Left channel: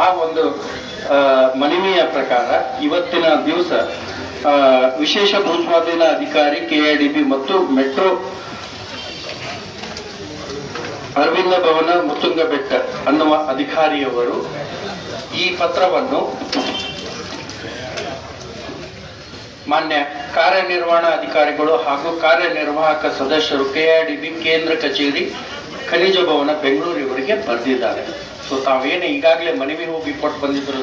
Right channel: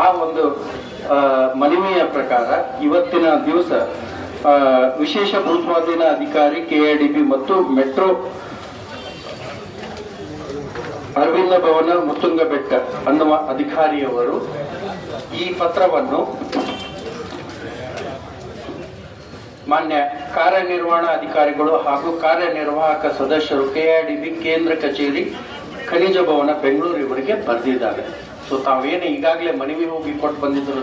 ಆ ಒಂದು ಮನವಿಯ ಪ್ರಕಾರ ಇವತ್ತಿನ ದಿವಸ ವಿಶೇಷ ಭೂಸ್ವಾಧೀನ ಅಧಿಕಾರಿ ಕೆಐಡಿಬಿ ಮತ್ತು ಮೆಟ್ರೋ ಅರವಿಂದ ಭವನ ಮುತ್ತುಂಗ ಬೆಟ್ಟ ಅನ್ನುವ ಅಧಿಕಾರಿಯವರು ಈ ಪತ್ರವನ್ನು ಮಾನ್ಯ ಕಾರ್ಯನಿರ್ವಹಣಾ ಅಧಿಕಾರಿಗಳು ಹಾಗೂ ಕಾರ್ಯನಿರ್ವಾಹಕ ಸದಸ್ಯರು ಕೆಆರ್ಡಿಬಿ ಕೇಂದ್ರ ಕಚೇರಿ, ಖನಿಜ ಭವನ ಬೆಂಗಳೂರು ಇವರಿಗೆ ಬರೆದಿದ್ದಾರೆ. ಸೊ ತಾವೇನು ಈಗಾಗಲೇ ಮನವಿ ಹೋಗಿ ಕೊಟ್ಟು ಬಂದಿದ್ರು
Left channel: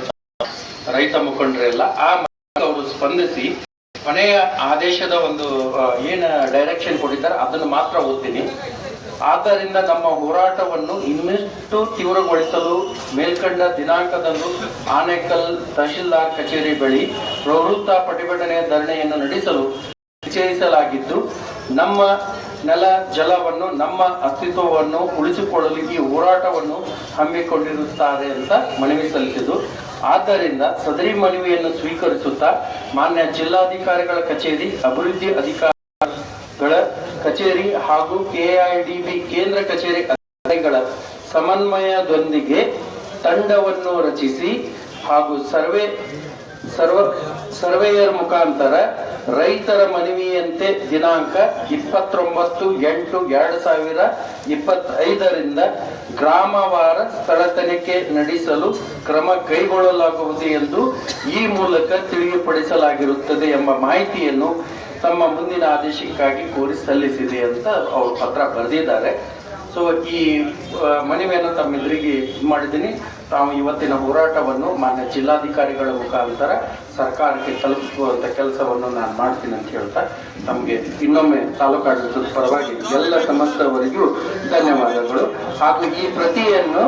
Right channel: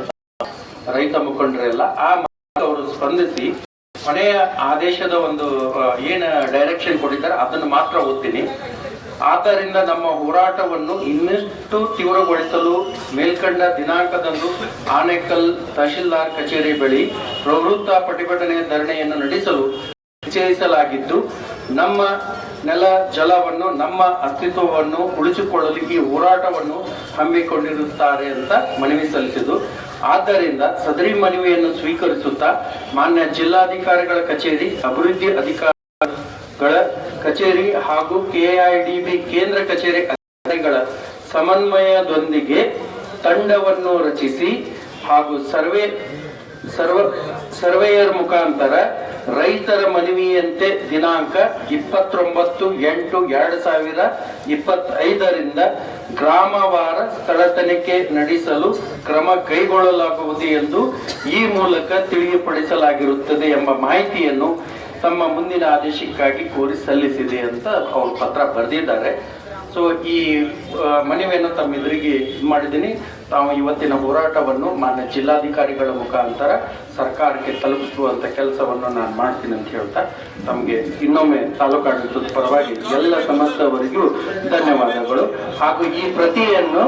ರೈತ ಮುಖಂಡರೆಲ್ಲ ಆ ಅವರು ಸ್ಪಂದಿಸಿ ಕೊನೆಯ ಆದೇಶದ ಒಂದು ಏನ ಡೈರೆಕ್ಷನ್ ಕೊಟ್ಟಿದ್ದಾರೆ, ಅದನ್ನು ಮಾತ್ರ ಓದ್ತೀನಿ. ಆದ್ದರಿಂದ ನಮ್ಮ ಹೋರಾಟವನ್ನು ಇನ್ನಷ್ಟು ತೀವ್ರಗೊಳಿಸಲು ಮೇಲ್ಕಂಡ ದಿನಾಂಕದಂದು ಆನೇಕಲ್ ತಹಶೀಲ್ದಾರ್ ಕಚೇರಿ ಬಳಿ ಪ್ರವೃತ್ತ ಪ್ರತಿಭಟನೆ ಧರಣಿಯನ್ನು ನಡೆಸಲು ನಿಶ್ಚಯಿಸಲಾಗಿದ್ದು ನಮ್ಮ ನೆಲ ಜಲವನ್ನು ನಮ್ಮ ಅಸ್ತಿತ್ವವನ್ನು ಉಳಿಸಿಕೊಳ್ಳಲು ಈ ಹೋರಾಟವನ್ನು ಹಮ್ಮಿಕೊಂಡಿರುತ್ತಾರೆ ಅಂತ ಮನವಿ ಸಲ್ಲಿಸಿದ್ದು. ಆದ್ದರಿಂದ ಸದರಿ ಮನವಿಯನ್ನು ಸ್ವೀಕರಿಸುತ್ತಾ ಮಾನ್ಯ ಜಿಲ್ಲಾಧಿಕಾರಿಗಳ ಕಚೇರಿ, ಅಭಿವೃದ್ಧಿ ಅಧಿಕಾರಿಗಳ ಕಚೇರಿ ಹಾಗೂ ಕೆಐಡಿಬಿ ಕೇಂದ್ರ ಕಚೇರಿ ಅಧಿಕಾರಿಗಳ ಸಮನ್ವಯದೊಂದಿಗೆ ತಂಡವನ್ನು ರಚಿಸಿ ಹಾಗೂ ಸರ್ವೆ ಸರ್ವ ಸರ್ವೇಯರ್ ಮುಖಾಂತರ ರೈತರ ಮನವಿಯಂತೆ ದಿನಾಂಕ ಇಪ್ಪತ್ತೊಂಬತ್ತು ಎಂಟು ಎರಡು ಸಾವಿರ ಇಪ್ಪತ್ತೈದರಿಂದ ಗ್ರಾಮವಾರ ಸ್ಥಳ ತನಿಖೆ ನಡೆಸಲು ಕ್ರಮ ಕೈಗೊಳ್ಳಲಾಗುವುದು ಎಂದು ಈ ಮೂಲಕ ತಿಳಿಯಪಡಿಸಲಾಗಿರುತ್ತದೆ ಎಂಬ ಮಾಹಿತಿಯನ್ನು ತಮ್ಮ ಮುಂದಿನ ಆದೇಶಕ್ಕಾಗಿ ಕೋರಿ ಸಲ್ಲಿಸಿದೆ ಅಂತ ಅವರು ಪತ್ರ ಬರೆದಿದ್ದಾರೆ. ಸೊ ಈ ಮನವಿಯನ್ನು ತಮ್ಮೆದುರಿಗೆ ಇದು ಮಾಡಿದ್ದೀನಿ. ತಾವು ಇವತ್ತಿನ ಹೋರಾಟವನ್ನು ಮಾನ್ಯ ಜಿಲ್ಲಾಧಿಕಾರಿಗಳ ಮುಖಾಂತರ ಸರ್ಕಾರಕ್ಕೆ ತಲುಪಿಸುವಂತ ಕೆಲಸವನ್ನು ನಾನು ಮಾಡ್ತೀನಿ ಅಂತ ಹೇಳ್ತಾ ನಮಗೆ ಇನ್ನೊಮ್ಮೆ ತಾಲೂಕಾಡಳಿತದ ಪರವಾಗಿ ಎಲ್ಲ ಸಮಸ್ತವರಿಗೂ ಧನ್ಯವಾದಗಳು. ಹಾಗೂ ಈ ಪ್ರತಿಯನ್ನು,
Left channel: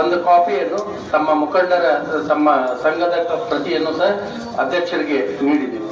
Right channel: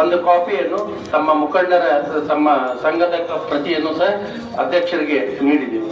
ಒಂದು ಕಾಪಿಯನ್ನು ತಮ್ಮ ಮುಖಂಡರ, ತಮ್ಮ ಸಂಘದ ಪ್ರತಿಯನ್ನು ಸಹ ಅಧ್ಯಕ್ಷರಿಗೆ ನೀಡಿದ್ದೀವಿ